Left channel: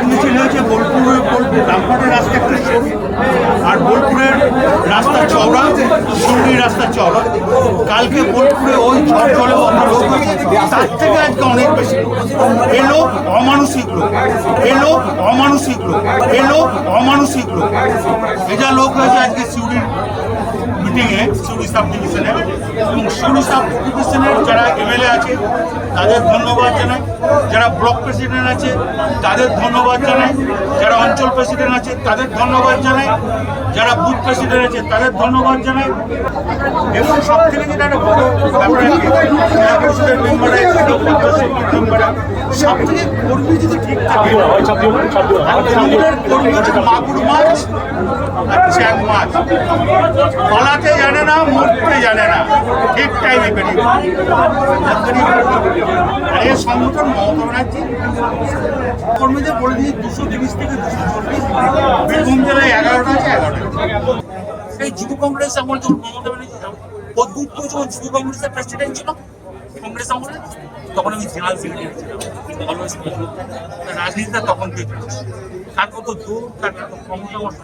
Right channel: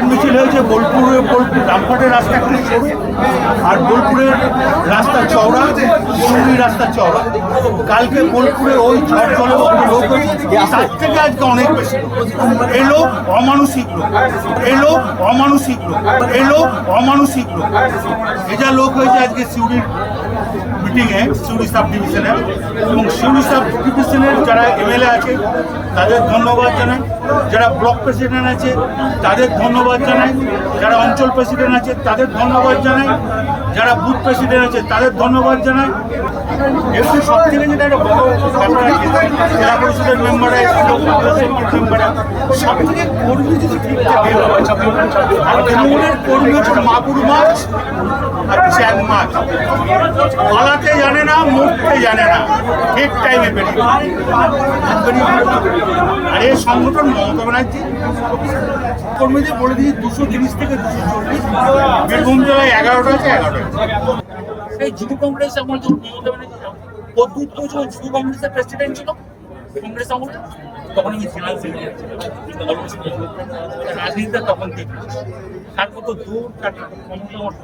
বিরাট মিছিল হয়েছে বোলপুরে, বোলপুর রামঘাটের রাস্তা একটু সরু আর বোলপুরের রাস্তা চওড়া, সিউড়ির রাস্তা চওড়া। কালকে বোলপুরে ওই ঝড় জলে অত লোক হয়েছে, তার থেকে আজকে অনেক বেশি লোক। এ লোক অমানসিক লোক এ লোক অমানসিক লোক এ লোক অমানসিক লোক। এ যা লোক হয়েছে আজকে সিউড়ির মিটিংয়ে সিউড়ি সাব ডিভিশনে এবং সিউড়ি সাব ডিভিশনের যারা এমএলএ আছে, তাদের ধন্যবাদ জানাই। যারা ব্লক প্রেসিডেন্ট আছে, তাদের ধন্যবাদ জানাই। যারা অঞ্চল প্রেসিডেন্ট আছে, তাদের ধন্যবাদ জানাই। যারা বুথ প্রেসিডেন্ট আছে, তাদের ধন্যবাদ জানাই। এবং সব থেকে যেটা একটা বড় ব্যাপার আছে, জেলা পরিষদের মেম্বাররা এসেছিল পঞ্চায়েত সমিতির মেম্বাররা সব থেকে কর্মী যদি ঠিক থাকে, আর তৃণমূলের কর্মী হচ্ছে মাগুর মাছ আর চ্যাং মাছ। পালাতে জানে না মরতে জানে না। ঠিক টাইমে বেরিয়ে আর এই সংগঠন মমতা ব্যানার্জি, কর্মীদের বলে দিয়েছি, দুশো তিরিশ থেকে দুশো চল্লিশ। বীরভূম জেলায় এগারোটা আছে, এগারোটা সেই যুব কংগ্রেস আমল যখন মমতা ব্যানার্জি যখন যুব কংগ্রেসের প্রেসিডেন্ট ছিল, কংগ্রেস আমলে, তখন আমি জেনারেল সেক্রেটারি ছিলাম রাজনীতিটা তখন থেকে কার কত দূর কার কত ক্ষমতা আমার।